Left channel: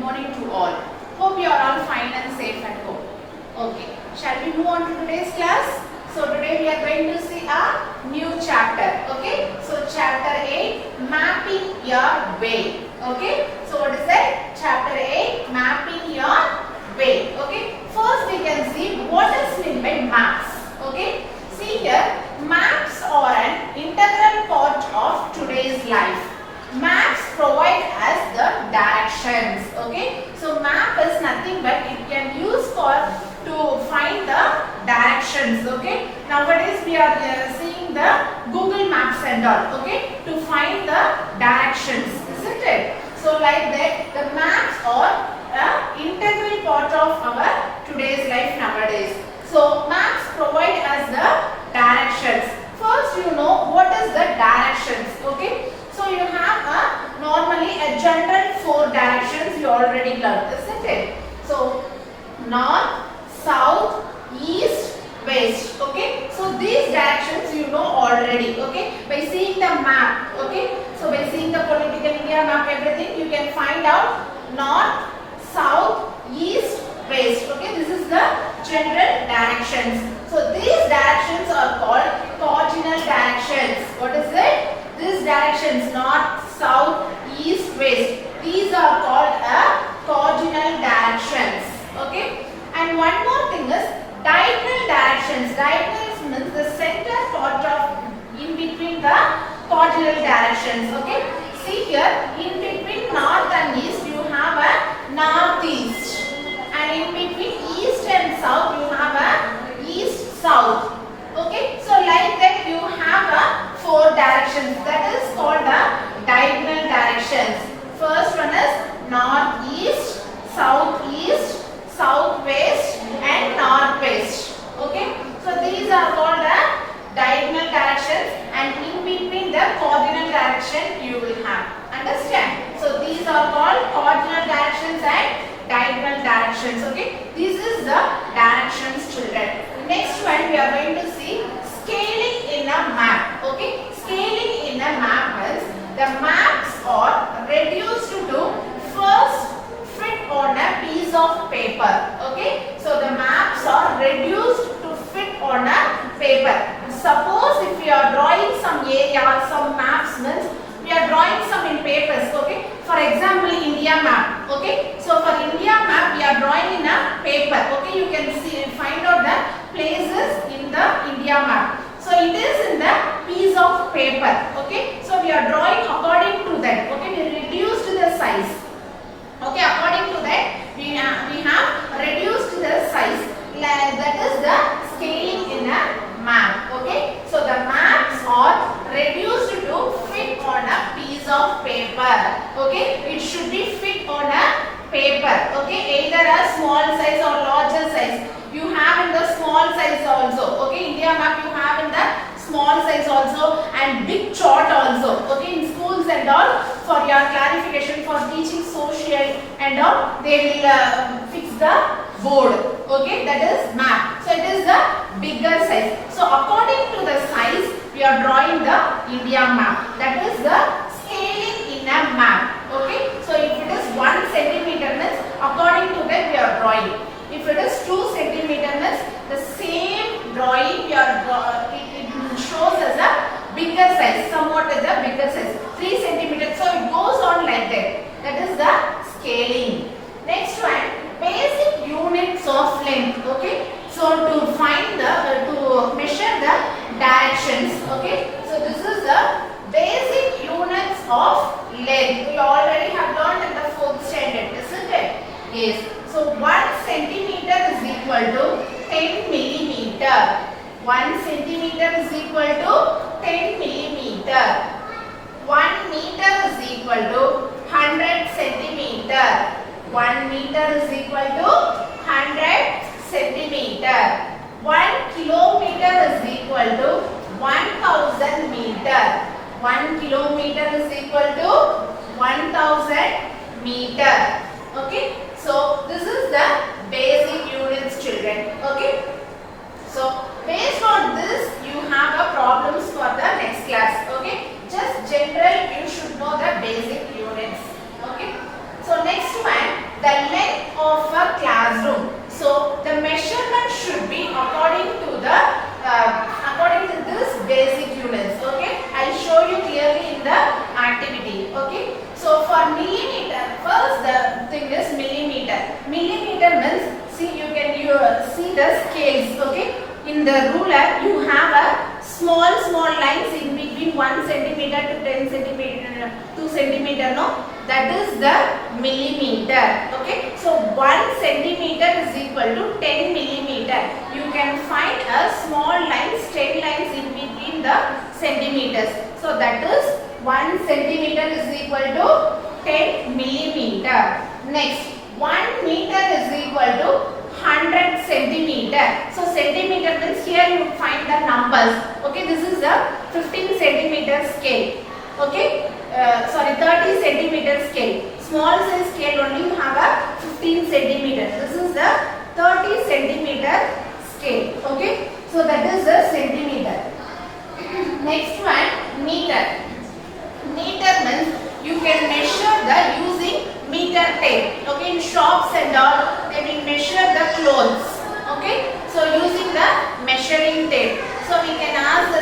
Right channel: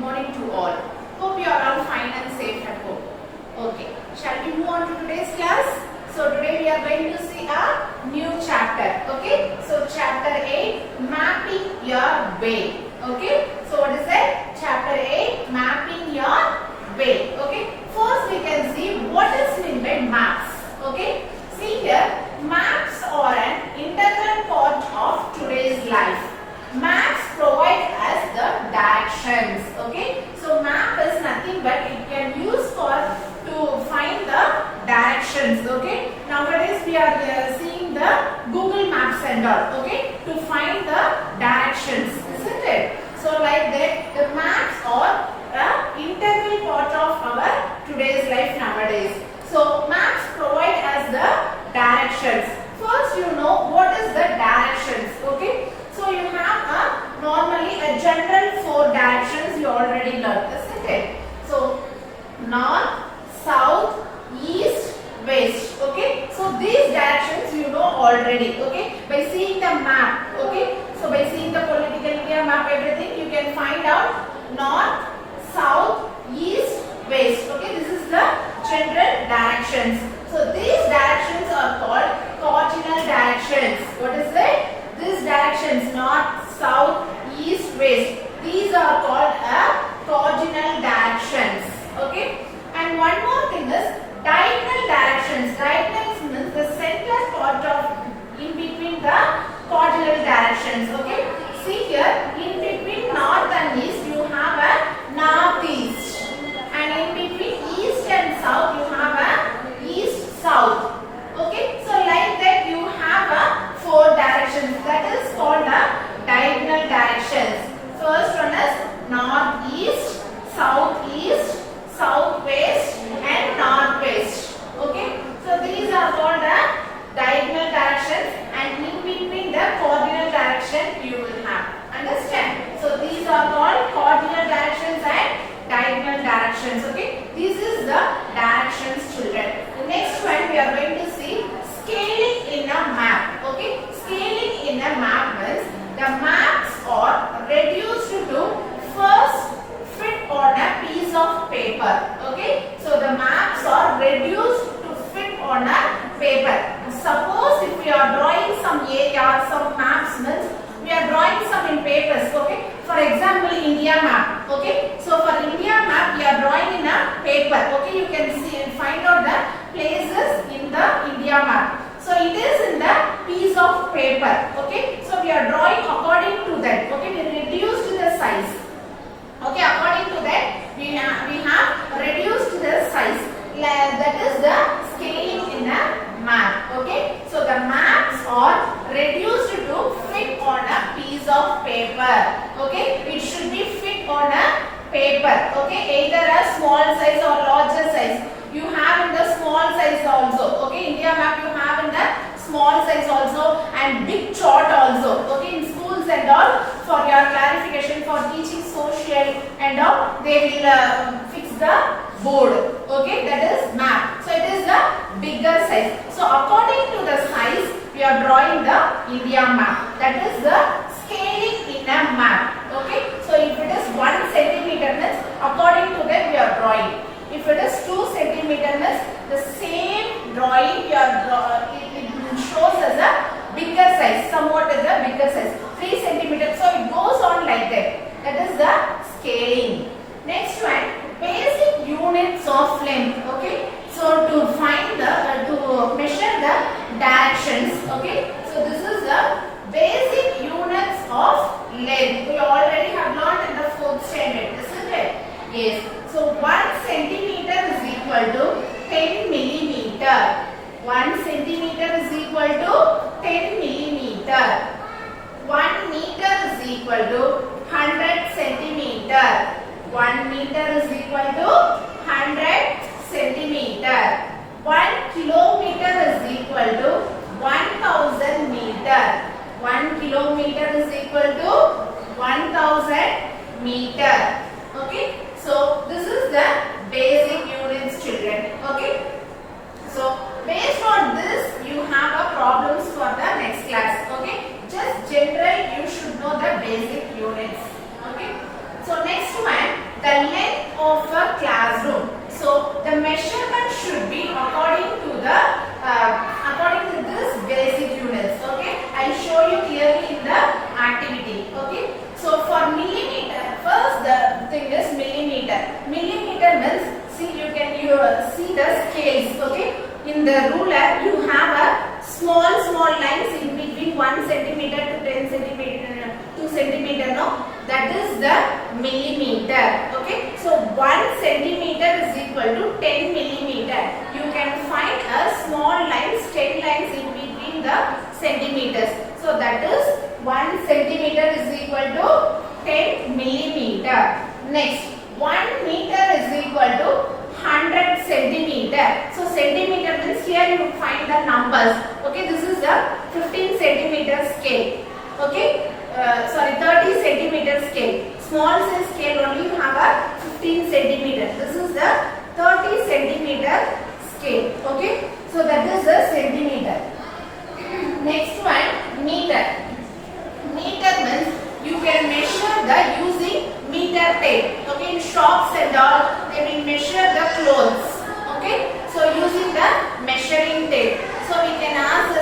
morning to all. Hope you are all fine and safe at home. Okay, shall we move on to today's class? So today we are going to see a new chapter. Okay, so chapter 8, mapping your way. Okay, so what is that? Chapter 8, mapping your way. Okay, first we can see what is meant by maps. Okay, see here, maps are an integral part of today's life. Maps provide us the directions. Okay, so map is nothing but it can use for to find the directions. Okay, nowadays we are seeing the Google Maps and all. Okay, to find the directions, isn't it? So like that, the maps are an integral part of our today's life nowadays. So maps provide us the directions. First, you know what is the directions. Okay, so you have normally a general 4 directions you already learned, isn't it? So north, south, east, west. Okay, so these directions you know already. Okay, by seeing the map. Okay, so by seeing the political India map, everything you can find out north, south, east, west. Okay, this is the general directions. So these directions are called cardinal directions. What is it? These directions north, south, east, west. These are called cardinal directions. Okay. And one more thing is diagonal directions. Diagonals means the center part of in between the cardinal directions. Okay. See here, in between north and east you have a northeast, and in between east and south you have a east south. Okay. So like that you have a 4 directions. That is called the diagonal directions. First one is northeast, southeast, southwest and northwest. Okay, so these are called the diagonal directions, and in between the cardinal direction you will have. Understand? So these are called cardinal directions and diagonal directions. Okay, this is the directions, children. Next one we are going to see scaling in a map. Okay, scaling in a map is the maps are reduced to first fit on a piece of paper. Okay, so the maps are reduced to fit on a paper. Suppose if we are drawing some area, some maps means we are drawing some in papers. Okay, for example India map. Okay, so for India map we are drawing in a paper. Okay, you can see find out the places in the India map. So it is in the piece of paper. Okay, so we are drawing according to that. Okay, we reduced the size. Okay, according to that we have reduced the size. That is the scaling in a map. Okay, so the maps are reduced to fit on a piece of paper. Okay, it should be fit on a paper. Okay, either a small size or larger size. You have in the small size also. Okay, India map you have in the small size also, and big chart also. Okay, in schools and all, for your clarification, for teaching social and all, they will fix the board. Okay, that is map. So it is the bigger size. So according to the size we are drawing the India map. That is the scaling in a map. Okay, so if it is 1 centimeter means according to that we are drawing. If it is 2 centimeter means the same drawing we are it shows as a bigger size, somewhat as a bigger size, 3 centimeters. So it goes on like that. That is the scaling. Next one, basic units of length. Okay, so to find the to measure the directions. Okay, so this is the basic units of length. We already have learned in the 4th standard, isn't it? Yes. So 1 centimeter is equal to 10 millimeter. 1 centimeter is equal to 10 millimeter. 1 meter is equal to 100 centimeter. 1 meter is equal to 100 centimeter. 1 kilometer is equal to 1000 meter. 1 kilometer is equal to 1000 meter. Okay, so this is the basic units, children. Okay, so based on this you have a problems for the next class. Okay, just general you should know the basic units. Okay, so next one, classroom. So the measurement should be according to this basic units. Okay, I'll show you clearly in the activity. Okay, so for millimeter, first the thing is millimeter. Millimeter means, see, you can see the scales. Okay, in the ruler you have a small lines in between 1 centimeter to 10 centimeter, 2 centimeter. No, that is the millimeter. Okay, so 1 centimeter is equal to 10 millimeter. You can find a small lines, 10 lines in between the centimeters. So that is 1 centimeter is equal to 10 millimeter. Next, 1 meter is equal to 100 centimeter. So centimeter means here you find the numbers. Okay, this is a 15 centimeter scale. Okay, 30 centimeter scale. Small size scale only you have a 15 centimeter. This is the 30 centimeter scale. Okay, so that is the centimeter. Next one, meter. Meter means you can measure the using meter tape. Okay, in shops and all they will measure the clothes. Okay, so using the measuring tape. So we can ask the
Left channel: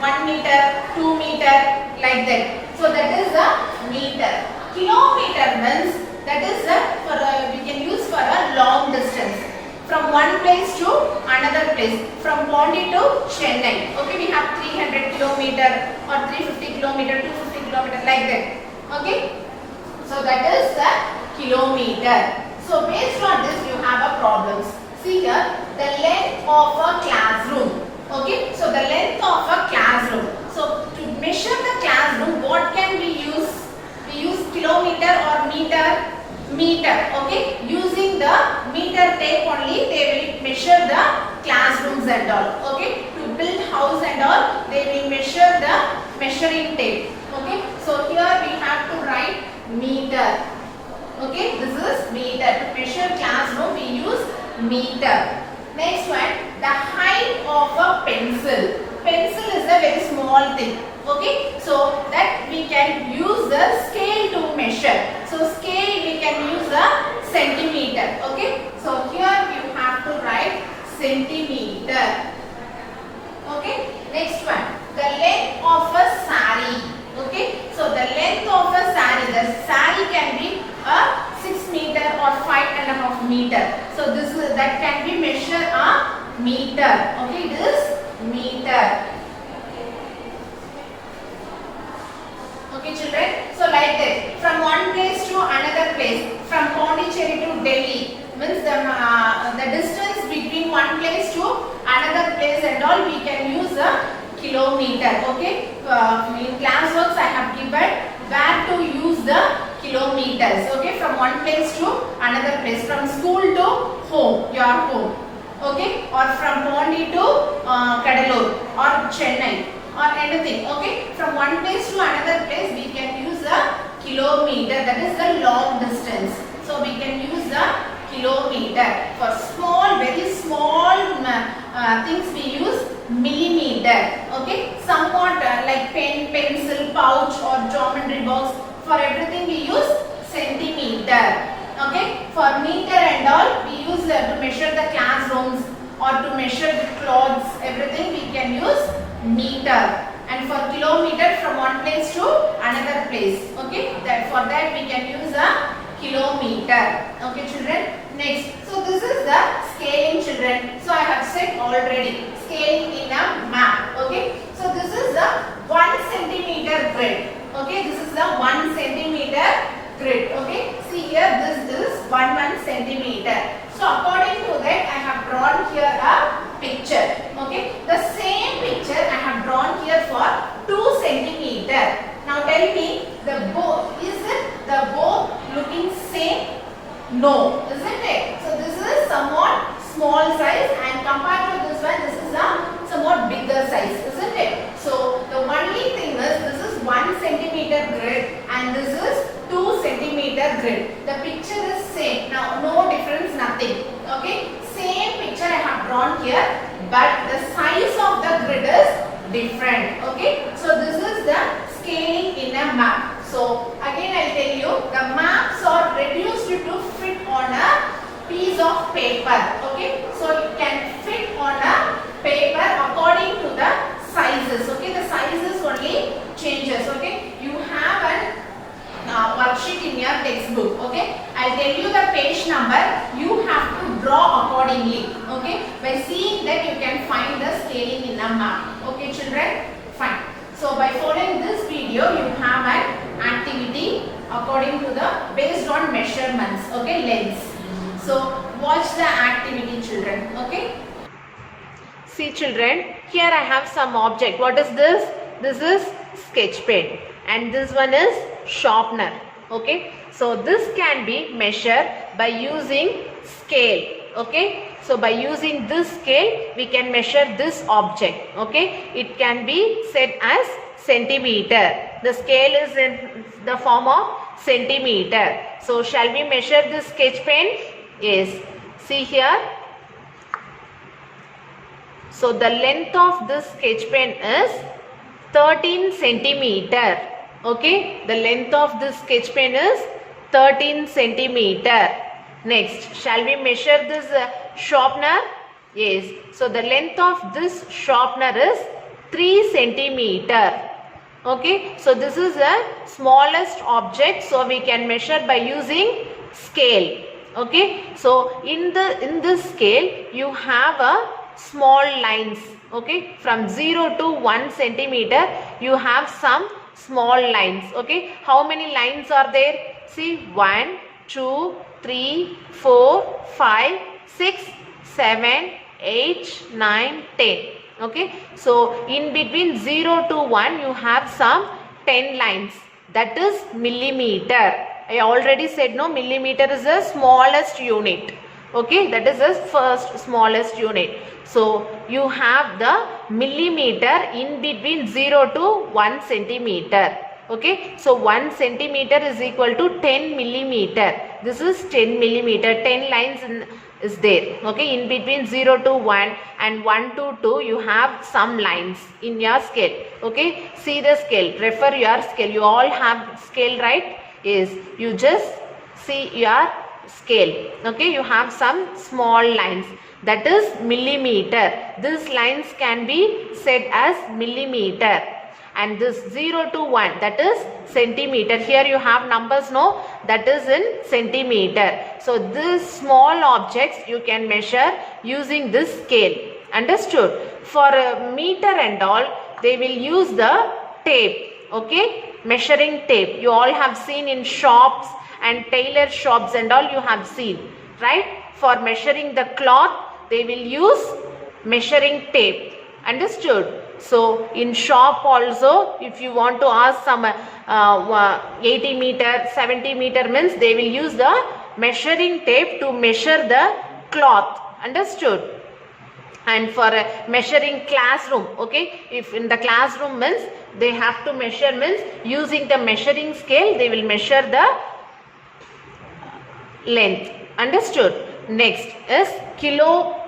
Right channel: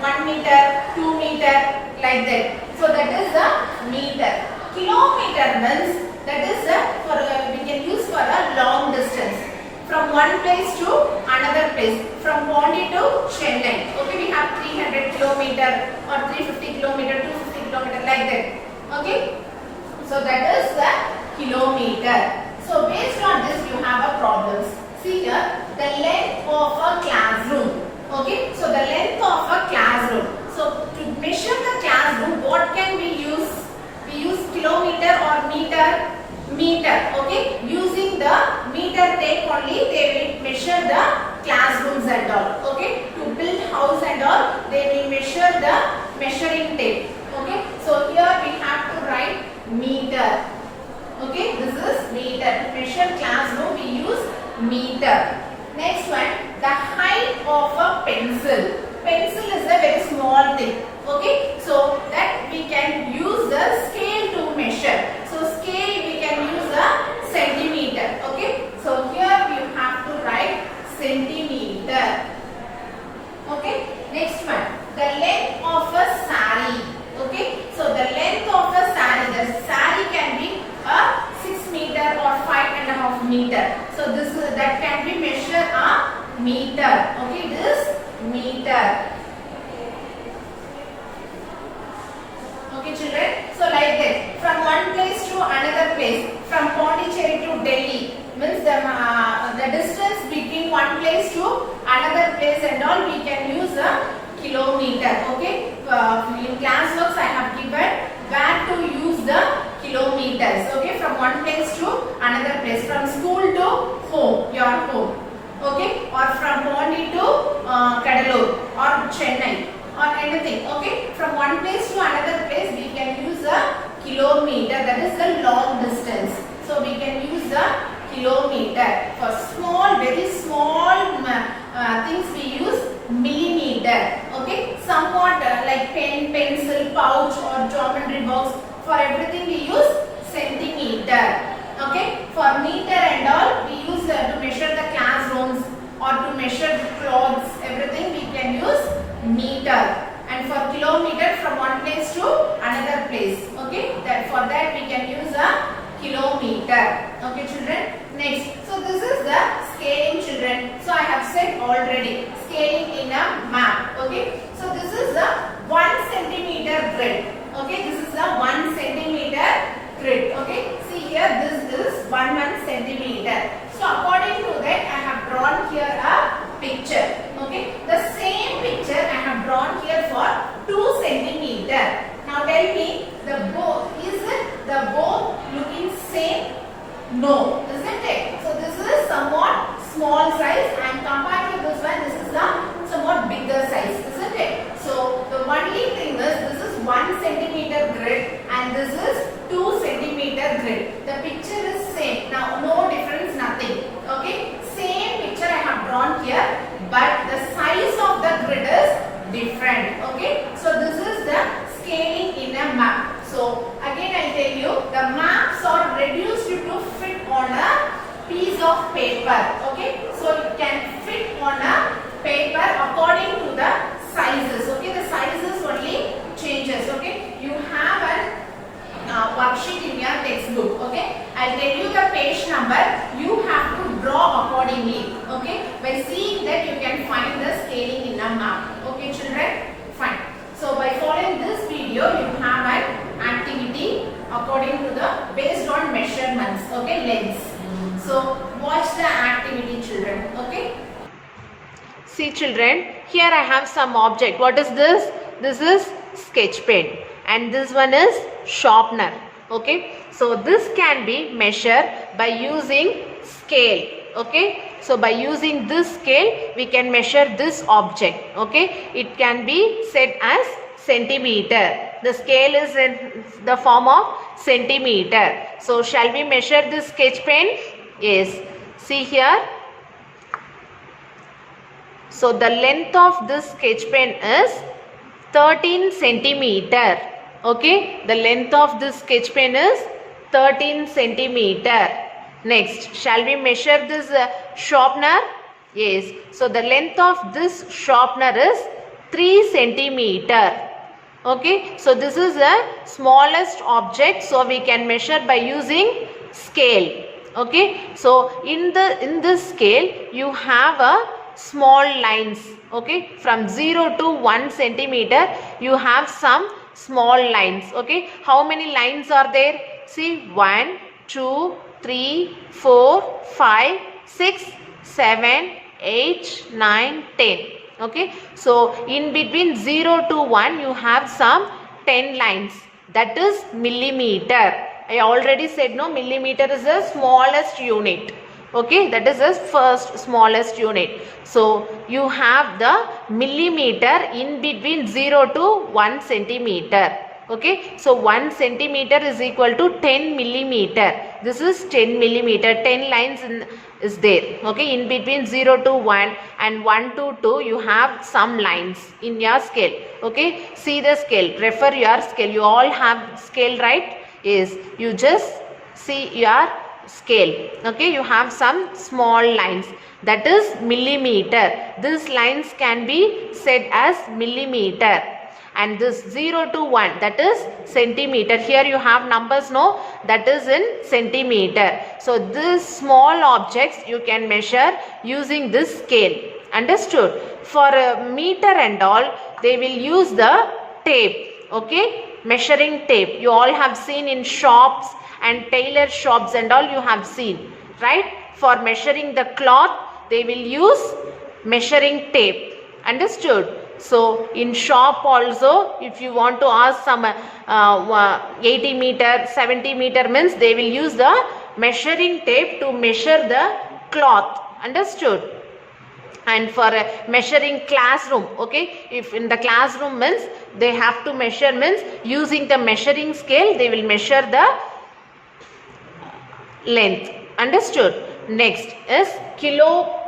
1 meter, 2 meter, like that. So that is the meter. Kilometer means that is we can use for a long distance. From one place to another place, from Pondi to Chennai. Okay, we have 300 kilometer or 350 kilometer, 250 kilometer, like that. Okay, so that is the kilometer. So based on this you have a problems. See here, the length of a classroom. Okay, so the length of a classroom. So to measure the classroom, what can we use? We use kilometer or meter. Meter. Okay, using the meter tape only they will measure the classrooms and all. Okay, to build house and all they will measure the measuring tape. Okay, so here we have to write meter. Okay, this is meter. To measure classroom we use meter. Next one, the height of a pencil. Pencil is a very small thing. Okay, so that we can use the scale to measure. So scale we can use a centimeter. Okay, so here we have to write centimeter. Okay, next one, the length of a sari. Okay, so the length of a sari, the sari can be a 6 meter or 5.5 meter. So this is, that can be measured a meter. Okay, it is meter. Okay children, so like that, from one place to another place, from Pondicherry to Delhi, means the distance between one place to another place and all we can use a kilometer. Okay, in classworks I have given where to use the kilometers. Okay, from one place to another place, from school to home, your home. Okay, or from Pondi to Kadalur or Chennai or anything. Okay, from one place to another place we can use a kilometer, that is the long distance. So we can use the kilometer. For small, very small things we use millimeter. Okay, somewhat like pen, pencil, pouch or geometry box, for everything we use centimeter. Okay, for meter and all we use to measure the classrooms or to measure the clothes, everything we can use meter. And for kilometer, from one place to another place. Okay, that for that we can use a kilometer. Okay children, next, so this is the scaling children. So I have said already, scaling in a map. Okay, so this is the 1 centimeter grid. Okay, this is the 1 centimeter grid. Okay, see here, this is 1 centimeter. So according to that I have drawn here a picture. Okay, the same picture I have drawn here for 2 centimeter. Now tell me, the both, is it the both looking same? No, isn't it? So this is somewhat small size and compared to this one, this is a somewhat bigger size, isn't it? So the only thing is, this is 1 centimeter grid and this is 2 centimeter grid. The picture is same. Now no difference, nothing. Okay, same picture I have drawn here, but the size of the grid is different. Okay, so this is the scaling in a map. So again I will tell you, the maps are reduced to piece of paper. Okay, so it can fit on a paper according to the sizes. Okay, the sizes only changes. Okay, you have an worksheet in your textbook. Okay, I'll tell you the page number. You have to draw accordingly. Okay, by seeing that you can find the scaling in a map. Okay, children, fine. So by following this video, you have an activity according to the based on measurements. Okay, lengths. So watch the activity, children. Okay. See, children, here I have some object. What is this? This is sketch pen, and this one is sharpener. Okay, so this can be measured by using scale. Okay, so by using this scale we can measure this object. Okay, it can be set as centimeter. The scale is in the form of centimeter. So shall we measure this sketch pen? Yes, see here. So the length of this sketch pen is 13 centimeter. Okay, the length of this sketch pen is 13 centimeter. Next, shall we measure this sharpener? Yes, so the length of this sharpener is 3 centimeter. Okay, so this is the smallest object, so we can measure by using scale. Okay, so in this scale you have a small lines. Okay, from 0 to 1 centimeter you have some small lines. Okay, how many lines are there? See, 1, 2, 3, 4, 5, 6, 7, 8, 9, 10. Okay, so in between 0 to 1 you have some 10 lines. That is millimeter. I already said no, millimeter is the smallest unit. Okay, that is the first smallest unit. So you have the millimeter in between 0 to 1 centimeter. Okay, so 1 centimeter is equal to 10 millimeter. This is 10 millimeter. 10 lines is there. Okay, in between 0 to 1 and 1 to 2 you have some lines in your scale. Okay, see the scale. Refer your scale. You all have scale, right? Yes, you just see your scale. Okay, you have some small lines. That is millimeter. These lines can be said as millimeter. And this 0 to 1, that is centimeter. Here you have numbers, no? That is in centimeter. So these small objects you can measure using this scale. Understood? For a meter and all, they will use the tape. Okay, measuring tape. You all have seen in shops and tailor shops and all, you have seen, right? For measuring the cloth, they will use measuring tape. Understood? So in shop also, if you want to ask some 80 meter, 70 meter means they will use the measuring tape to measure the cloth. Understood? And for measuring classroom, okay, if in the classroom means they have to measure, means using the measuring scale they will measure the length. Understood? Next is kilometer.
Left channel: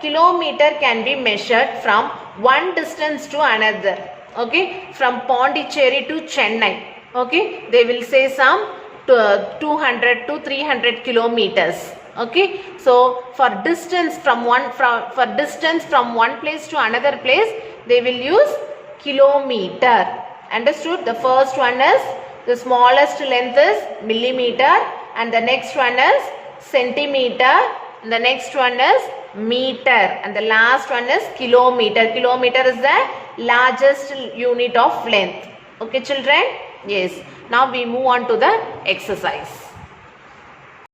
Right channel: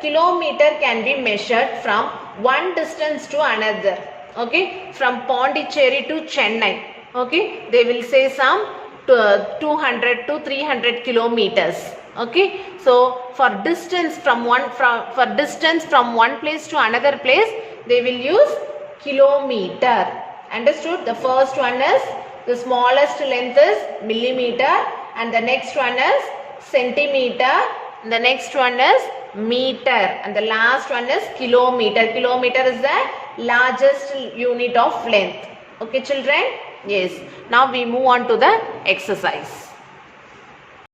Kilometer can be measured from one distance to another. Okay, from Pondicherry to Chennai. Okay, they will say some 200 to 300 kilometers. Okay, so for distance from one place to another place, they will use kilometer. Understood? The first one is, the smallest length is millimeter, and the next one is centimeter, and the next one is meter, and the last one is kilometer. Kilometer is the largest unit of length. Okay, children? Yes. Now we move on to the exercise.